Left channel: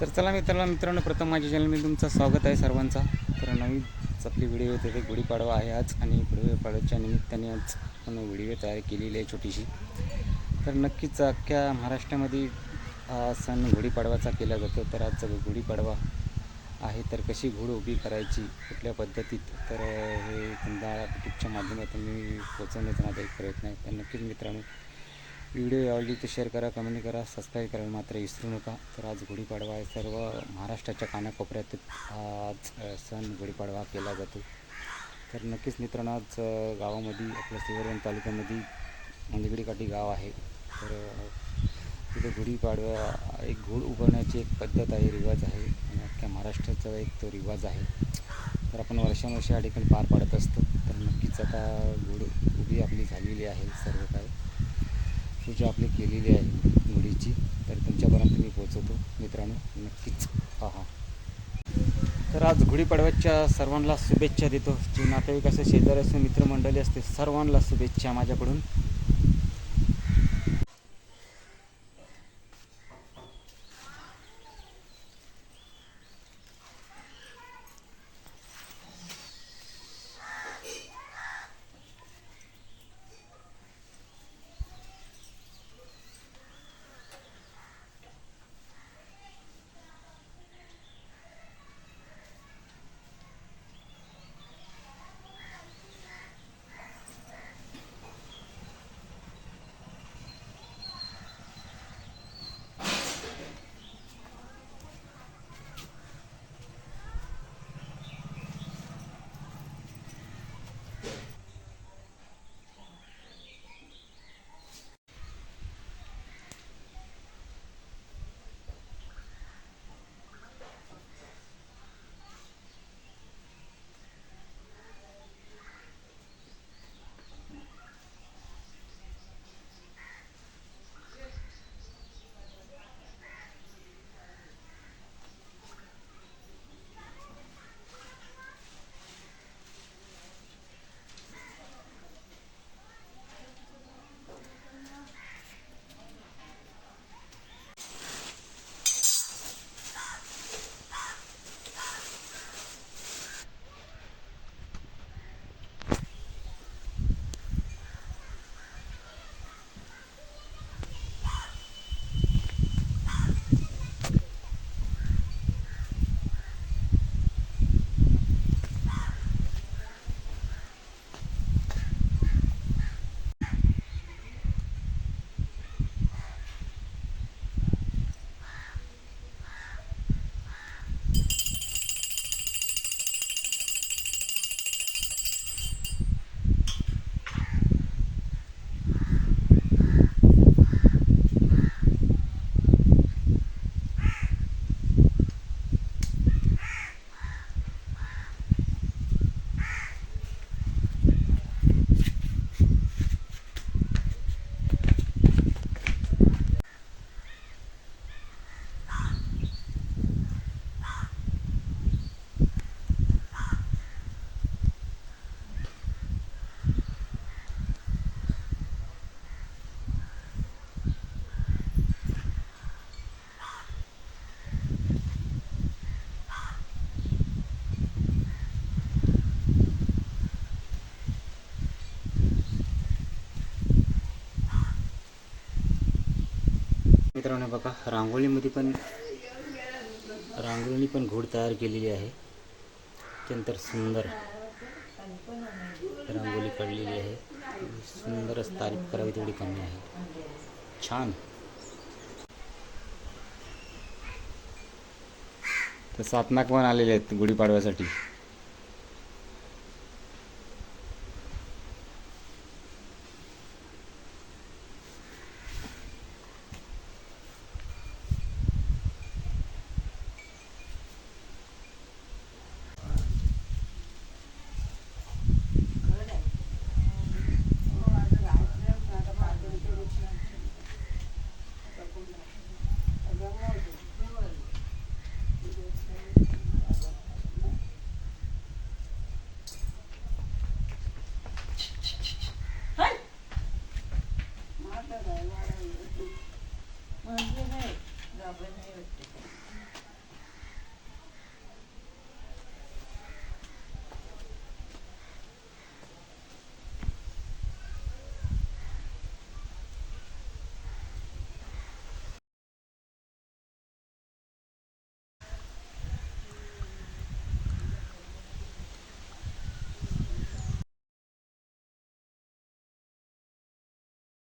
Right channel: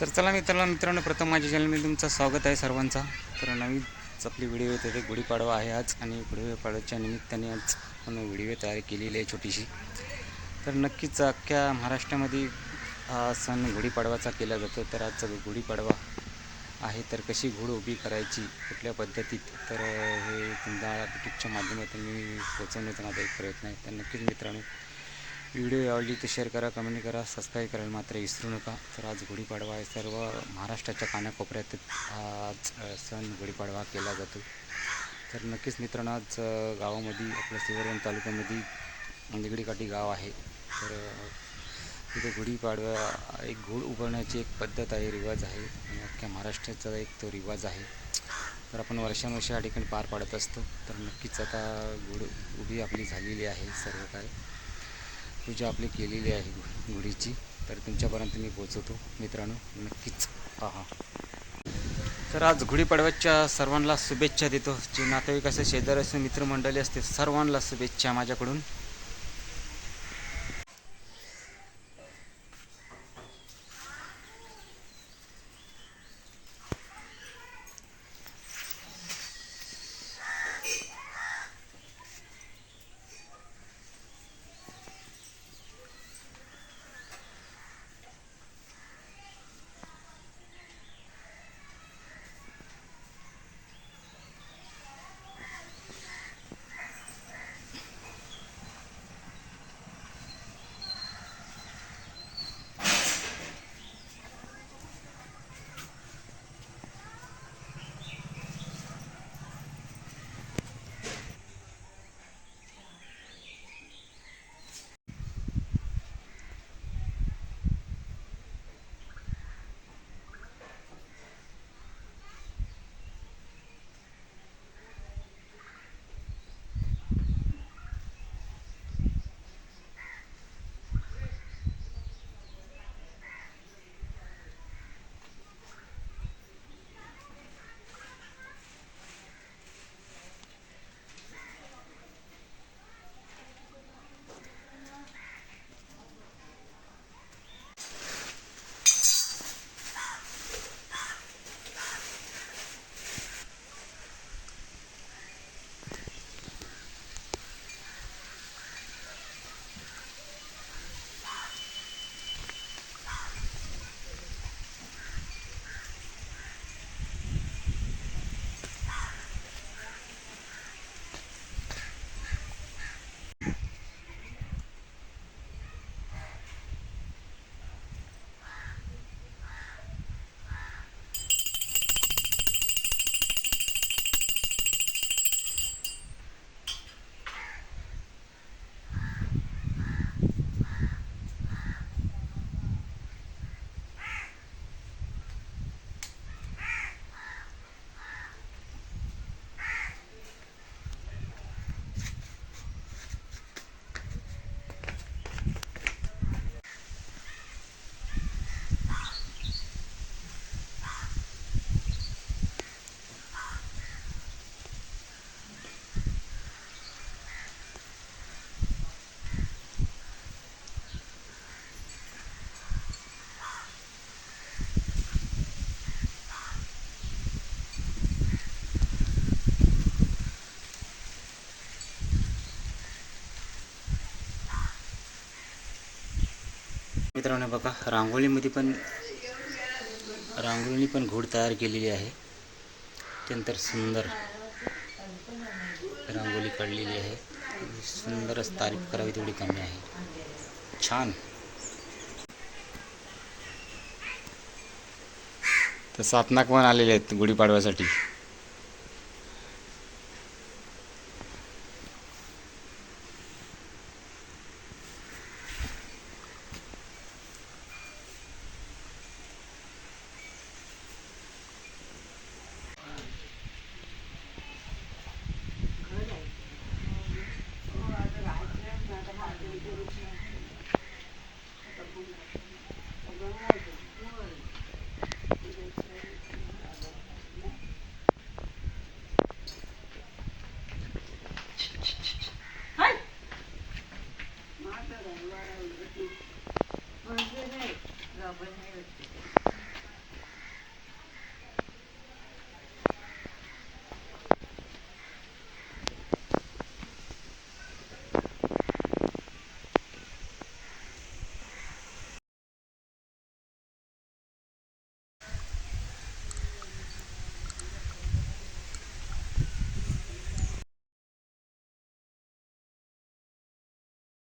तर चला मित्रांनो मित्रांनो प्रथम माझ्या चॅनलमध्ये तुमचं स्वागत आहे सर्वांचा. तर नवीन आपली व्हिडिओ येते ते गुढीपाडवा आहे आज आणि गुढीपाडव्याच्या निमित्ताने आज आपण व्हिडिओ तयार केलेली आहे छोटीशी. तर नक्कीच अख्ख्या महाराष्ट्रामध्ये हा सण गुढीपाडवाचा केला जातो. तर आज गुढीपाडवा आहे तर कशी घोड उभी करायची कुठल्या पद्धतीत? तर हे तुमच्या यूट्यूबच्या माध्यमातून मी पोचवण्याचा माझा एक प्रयत्न आहे. तर नक्कीच मित्रांनो व्हिडिओ आवडली तर शेअर करा कमेंट करा सबस्क्राईब करायला मात्र विसरू नका. तर आज गुढीपाडवा आहे. सर्व महाराष्ट्राच्या कानाकोपऱ्यात हा आज सण गुढीपाडवा केला जातो. तर नक्कीच मित्रांनो आज गावामध्ये आपल्या सिवरवन तालुक्यामध्ये निगडीकाठी काठी गाव आहे. तर तिथे गुढीपाडवा एक घोड उभारण्याची एक पद्धत आहे रिवाज आहे. आणि अख्ख्या महाराष्ट्राचा एक तो रिवाज आहे. तर आपण वर्षानुवर्षे या ठिकाणी पार पाडत असतो. तर नक्कीच आता घोड उभी आपली झालेली आहे सर्व काय पूजा आपली केलेली आहे गुढीची. तर तुमच्यापर्यंत मी पोचवतो मित्रांनो नक्कीच पहा. तर आज गुढीपाडव्याच्या सर्वांना शुभेच्छा देतो. जे नातेवाईक असे शेजारी असे मित्रमंडळी असते सर्वांना शुभेच्छा माझ्याकडून. मित्रांनो बघा रांगोळीमध्ये पण रांगोळीने पण घोड तयार केलेली आहे. अत्यंत सुंदर रांगोळी काढलेली आहे. सुंदरच तारीफ करावी तेवढी कमी आहे. छान. तर सातनाक पण आलेले आहेत गुढीपाडव्यासाठी. Well, it's been a while.